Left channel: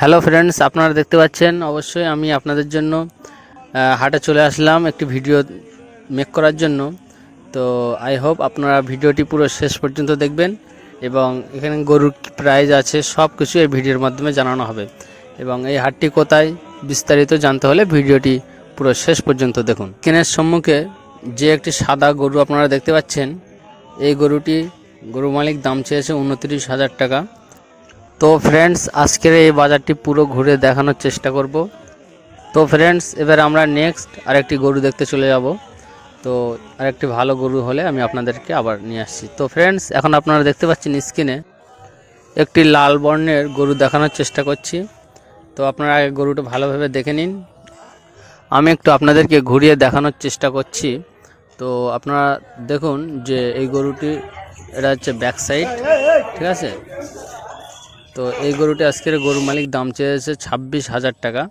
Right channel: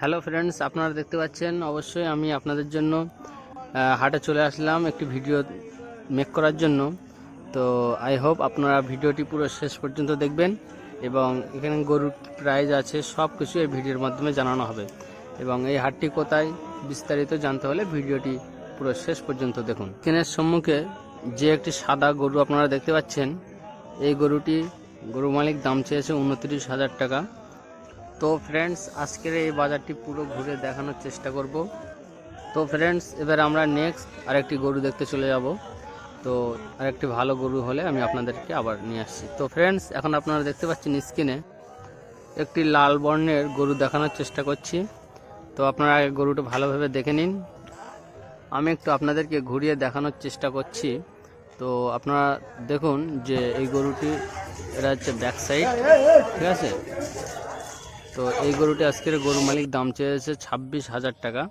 Hello friends, আপনারা দেখতে পাচ্ছেন, অবশ্যই আমি আপনাদের জন্য হাটে চলে আসলাম একটি ভিডিও মেক করার জন্য। তো আই হোপ আপনারা ভিডিওটি পুরো শেষ পর্যন্ত দেখবেন এবং এখানে গরুর প্রাইজ আছে সব কিছু এই ভিডিওর মাধ্যমে জানানো হবে। এবং এই হাটটি কোথায় বিস্তারিত জানতে হলে ভিডিওটি পুরো শেষ পর্যন্ত দেখুন। কেনের সম্মুখে যে একটি সাদা গরু আপনারা দেখতে পাচ্ছেন, এই গরুটি গরু মালিক দাম চেয়েছে উনত্রিশ হাজার টাকা। তো ফ্রেন্ডস আজকের এই বাজারটি পুরো ঘুরে দেখানোর চেষ্টা করব। তো ফ্রেন্ডস এবার আমরা নেক্সট আরেকটি গরু দেখতে চলে যাব। তো আরেকটি ভালো গরু হলে আমি আপনাদেরকে আবার নিয়ে আসছি। তো ফ্রেন্ডস এখন আপনারা দেখতে পাচ্ছেন স্ক্রিনে একটি লাল বর্ণের গরু দেখানোর চেষ্টা করছি। তো আপনারা গরুটা ভালোভাবে দেখে নিন। আমি একটু আপনাদেরকে ঘুরিয়ে দেখানোর চেষ্টা করছি। তো আপনারা দেখুন যে এই গরুটি, এটা হচ্ছে ব্যাক সাইড ঠিক আছে? তো এই গরুটি আজকের গরু মালিক দাম চেয়েছে ছাব্বিশ হাজার টাকা।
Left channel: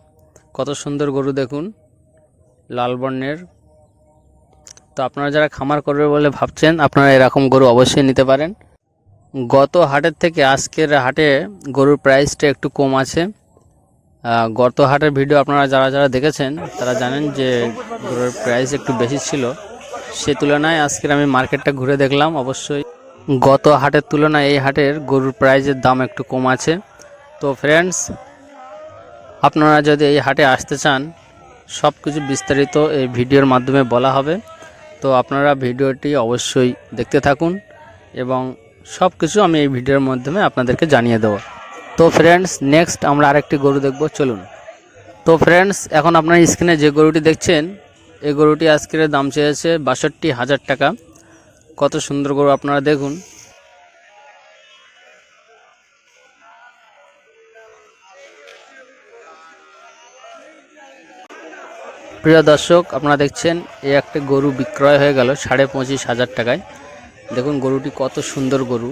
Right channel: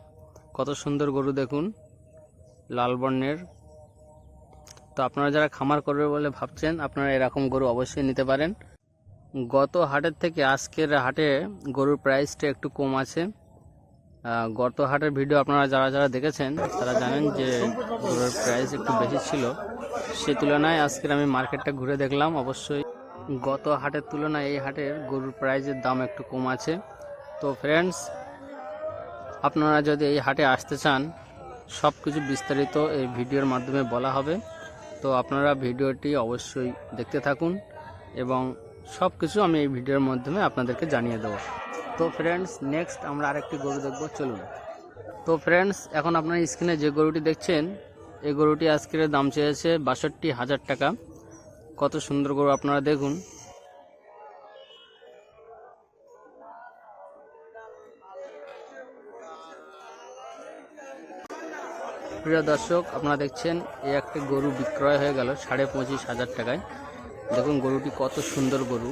কত সুন্দর গরু দেখুন, লাল বর্ণের। তো আপনারা যারা খামার করবে বলে ভাবছেন, আপনারা এরকম গরু অবশ্যই নিতে পারেন। গত হাটের থেকে আজকের হাটে গরুর প্রাইসটা একটু কম আছে। গত হাটের ভিডিও আপনারা যারা যারা দেখেছেন, তারা জানেন যে গরুর প্রাইস একটু বেশি ছিল। সে তুলনায় আজকের আমি মার্কেটটা ঘুরে দেখলাম, অবশ্যই গত হাটের তুলনায় এই হাটের গরুর প্রাইজের দাম একটু কম আছে। তো ফ্রেন্ডস আপনারা যদি এই হাটে আসতে চান সব কিছু বিস্তারিত এই ভিডিওর মাধ্যমে বলা হবে। তো আপনারা ভিডিওটি অবশ্যই দেখতে থাকুন এবং সব কিছু আমি এই ভিডিওর মাধ্যমে আপনাদেরকে জানিয়ে দেবো। তো ফ্রেন্ডস নেক্সট আমরা আরেকটি গরু দেখব, চলুন। তো ফ্রেন্ডস এখন আপনার স্ক্রিনে যে গরুটি দেখছেন, এই গরুটি আজকের দাম চেয়েছে বাষট্টি হাজার টাকা। কত সুন্দর গরু আপনারা দেখুন। প্রিয় দর্শক, আপনারা দেখছেন, এই একটা গরু বিক্রয় হয়ে গেল সাড়ে পঁচিশ হাজার টাকায়। দেখুন গরুটি কত সুন্দর গরু।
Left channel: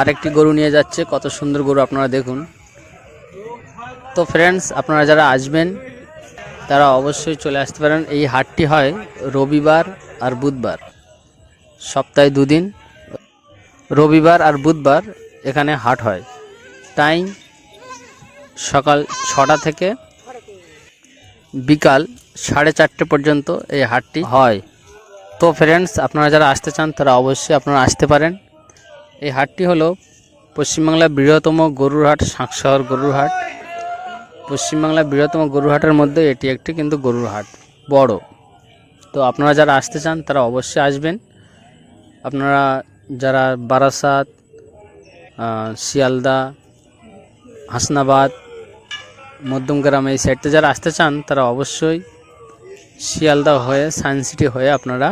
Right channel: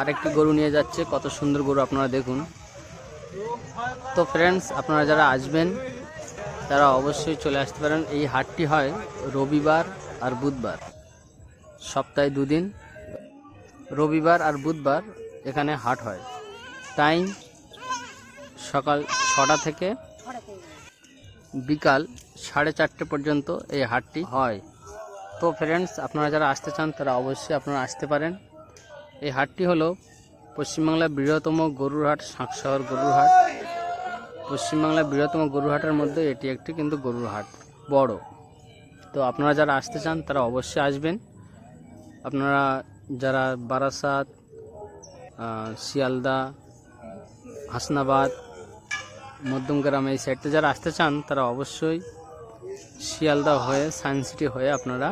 আরেকটি গরু নিয়ে যাচ্ছে, কত সুন্দর গরু আপনারা দেখুন। তো ফ্রেন্ডস আপনারা যারা আসবেন তারা অবশ্যই চলে আসতে পারেন। এই হাটটি হয় রবিবার আর বুধবার। সপ্তাহে দুদিন। রবিবার আর বুধবার এখানে হাট হয়। টাইম সকাল ছটা থেকে বিকাল সাড়ে চারটে পর্যন্ত এই হাটটি হয়। তো ফ্রেন্ডস আপনারা যারা আসতে চান, তারা অবশ্যই আপনারা আসতে পারেন। এই হাটটি হলো পশ্চিমবাংলার বৃহত্তম গরুর হাট শাঁকশহর গরুর হাট। পশ্চিমবাংলার বৃহত্তম গরুর হাটের মধ্যে এটি একটি কিন্তু গরুর হাট, বড়। তো আপনারা যারা আসতে চান, তারা অবশ্যই আসবেন। আপনারা যারা বারাসাত শিয়ালদা, হাসনাবাদ মধ্যমগ্রাম এই সাইডতে যারা আসতে চান, তারা অবশ্যই শিয়ালদা হয়ে সায়েন্স সিটি হয়ে আপনারা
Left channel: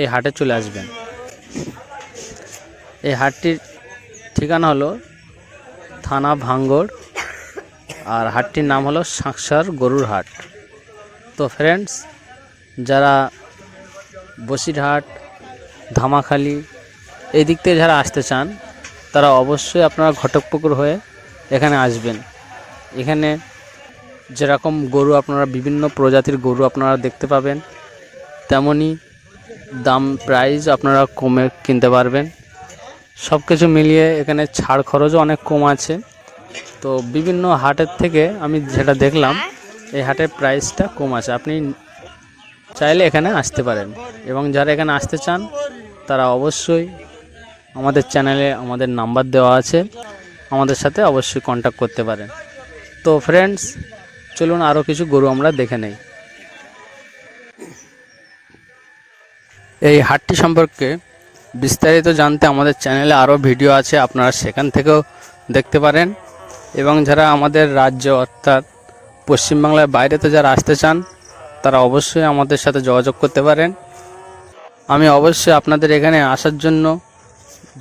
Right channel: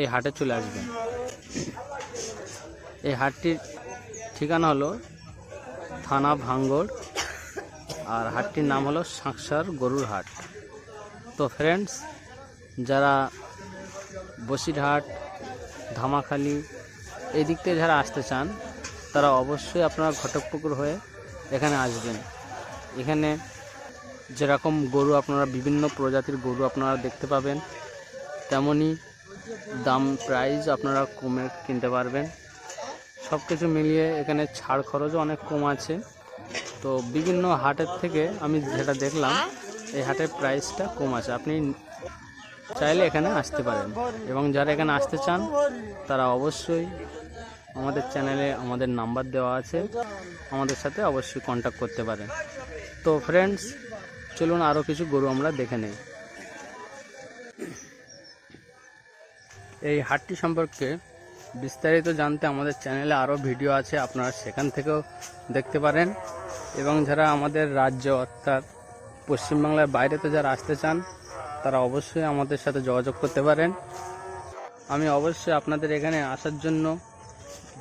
এই হাটে চলে আসবেন। এই হাটটির ঠিকানা হলো থানা ভাঙ্গড় আর হাটটির নাম হলো সাঁকসার গরুর হাট। তো ফ্রেন্ডস যারা বসিরহাট, ধামাখালি এই দিক থেকে যারা আসতে চান, তারা অবশ্যই আপনারা ঘটকপুকুর হয়ে এখানে আসবেন। এখানে যেরকম গরু আপনারা, বিভিন্ন প্রজাতির গরু আপনারা দেখতে পাবেন, তেমনই দাম প্রাইস আপনারা কমে কিনতে পারবেন। সব কিছু মিলিয়ে এখানে ছাড় খরচও অনেক কম আছে। তো বিভিন্ন হাটের থেকে আমি যেটা দেখলাম, এই হাটের প্রাইসটা কম আছে। আপনি চাইলে এখানে আসতে পারেন এবং যারা এখানে আসতে চান, তারা অবশ্যই আমাদের চ্যানেলে আমাদের নাম্বার দেওয়া আছে। আমাদের সাথে অবশ্যই কন্ট্যাক্ট করতে পারেন। তো ফ্রেন্ডস চলুন আরও কিছু গরু আমরা দেখে নেই। এই হাটটি সম্পর্কে বিস্তারিত জানতে আমাদের চ্যানেলে আরও ভিডিও আছে, আপনারা সেখান থেকেও দেখতে পারেন। এবং যারা আমাদের রাজ্য অর্থাৎ পশ্চিমবাংলার বাইরেতে যারা আসতে চান, তারা অবশ্যই আমাদের সাথে যোগাযোগ করতে পারেন। আমি অবশ্যই আপনাদের এখানে আসার জন্য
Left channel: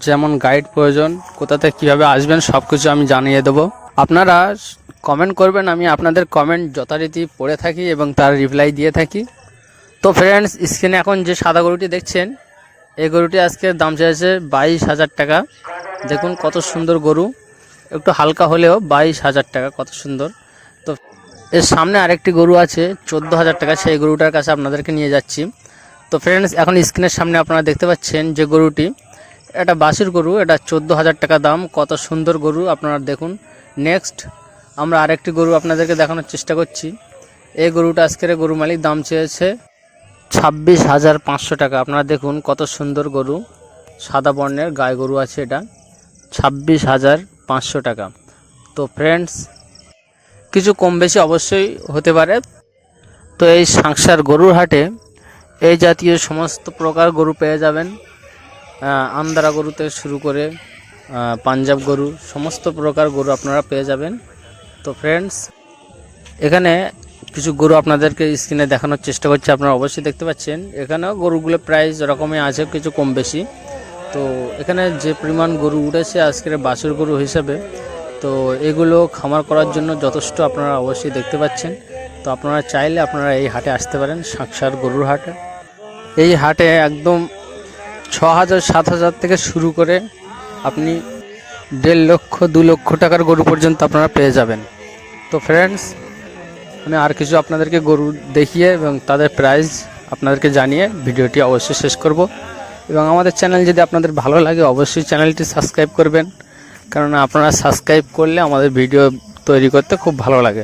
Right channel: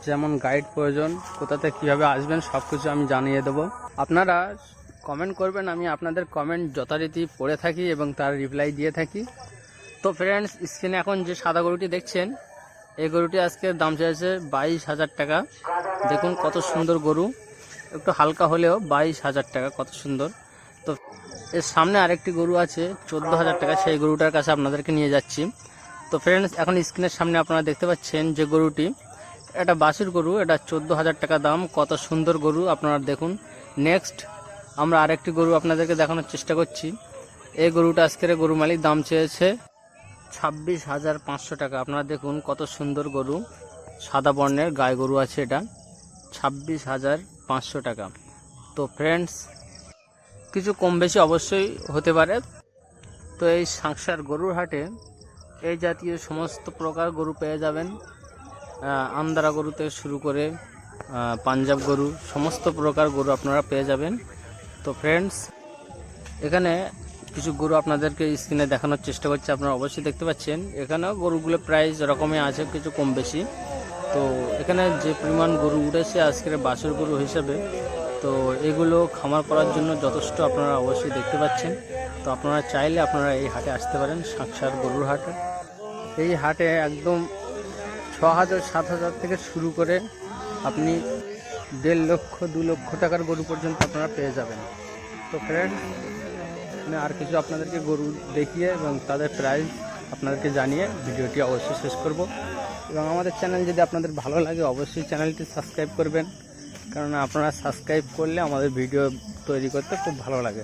যেমন গাইড প্রয়োজন, কোথা থেকে কীভাবে আসবেন সব কিছু আমি জানিয়ে দেবো। আপনারা কমেন্ট করবেন, আমি আপনাদের কমেন্ট যথারীতি পড়ে থাকি এবং তার রিপ্লাই দিয়ে থাকি। তো ফ্রেন্ডস স্ক্রিনে এখন যে সাদা গরুটি দেখছেন, এই গরুটি আজকে দাম চাইছে বাইশ হাজার টাকা। দেখুন কত সুন্দর গরু। একটু হালকা হলেও বাইশ হাজার টাকা, কত সুন্দর। তো এর সামনে আরেকটি গরু আছে, চোদ্দ হাজার টাকা, সেই গরুটার কাছে আপনাদেরকে নিয়ে যাচ্ছি। তো ফ্রেন্ডস এখন স্ক্রিনের সামনে আপনারা দেখতে পাচ্ছেন যে গরুটি, এটা বাসির গরু, এটা চোদ্দ হাজার টাকা দাম, কত সুন্দর গরু, আপনারা দেখুন। নেক্সট আমরা আরেকটি গরু আপনাদেরকে দেখানোর চেষ্টা করছি। এই গরুটা আজকের গরু মালিক দাম চেয়েছে ছাব্বিশ হাজার পাঁচশো টাকা। আপনারা দেখুন কত সুন্দর গরু, সাদা বর্ণের গায়ে গরু আছে এটা। ছাব্বিশ হাজার পাঁচশো টাকা। তো ফ্রেন্ডস কিছু কম বেশি অবশ্যই হতে পারে। তো এই সাংসার গরুর হাটে এই জাতীয় সমস্ত প্রকার গরু পেয়ে যাবেন। আন্দারা গরু থেকে শুরু করে পাঞ্জাব গরু, সমস্ত প্রকার গরু আপনারা পেয়ে যাবেন। তো ফ্রেন্ডস এখানে কিছু গরু আপনাদেরকে স্ক্রিনে দেখানোর চেষ্টা করছি, আপনারা অবশ্যই দেখতে পাচ্ছেন। এখানেও গরুগুলো প্রাইস রকমই আছে, কিছু কম বেশি। তো এখানে যে পরিমাণ গরু উঠেছে আজকের বাছুর গরু হিসেবে, তো এগুলো খামার করার জন্য যথেষ্ট আপনারা অবশ্যই দেখতে পাচ্ছেন। তো আপনারা চাইলে আপনারা এই হাটে আসতে পারেন সাংসার গরুর হাটে। এই হাটে একদম ছ হাজার সাত হাজার থেকে শুরু করে আপনি দেড় লক্ষ, দু লক্ষ টাকার গরু পর্যন্ত আপনারা পেয়ে যাবেন। তো ফ্রেন্ডস আমি আর কিছু আপনাদেরকে গরু দেখিয়ে এবং তাদের প্রাইস আপনাদেরকে জানিয়ে ভিডিওটি অবশ্যই শেষ করব। এবং আমাদের চ্যানেল যদি আপনাদের ভালো লাগে, অবশ্যই চ্যানেলটি সাবস্ক্রাইব করবেন। কারণ আপনারা সাবস্ক্রাইব করলে আমাদের ভিডিও তৈরি করতে খুব ভালো লাগে।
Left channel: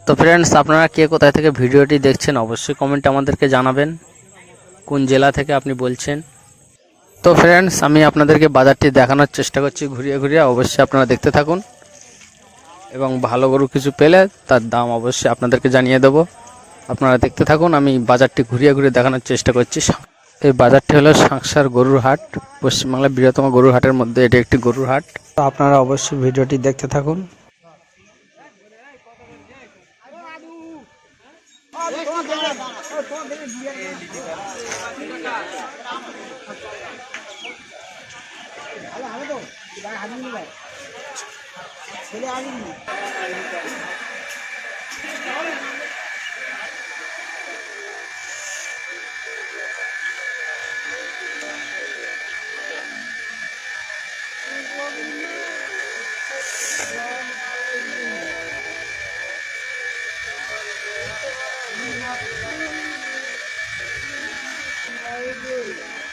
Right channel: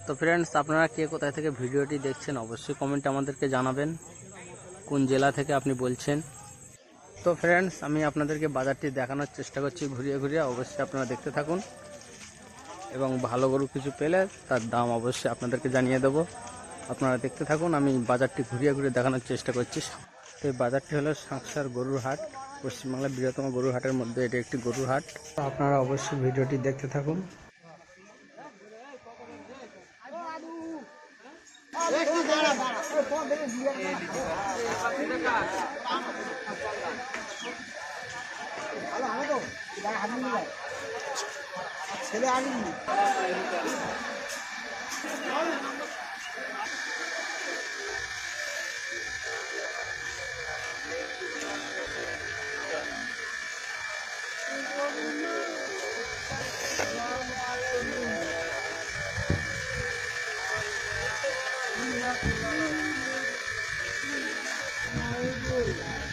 তো ফ্রেন্ডস আপনারা কে কোথায় থেকে ভিডিওটি দেখছেন, অবশ্যই কমেন্টে আমাদেরকে জানাবেন। কোন জেলা থেকে আপনি বলছেন? তো ফ্রেন্ডস আমি আপনাদেরকে বাজারটি দেখানোর চেষ্টা করছি ঘুরিয়ে ঘুরিয়ে, অবশ্যই আপনারা দেখতে থাকুন। এবং ভালো গরু কিছু পেলে তার দাম অবশ্যই আপনাদেরকে জানিয়ে দেবো। আপনারা দেখতে থাকুন, আমি বাজারটি ঘুরিয়ে ঘুরিয়ে দেখানোর চেষ্টা করছি। এই বাজারটি হলো সাংসার গরুর হাট। পশ্চিমবাংলার বৃহত্তম গরুর হাটের মধ্যে এটি একটি গরুর হাট। তো আপনারা অবশ্যই ভিডিওটি দেখতে থাকুন। ছেলে Hallelujah.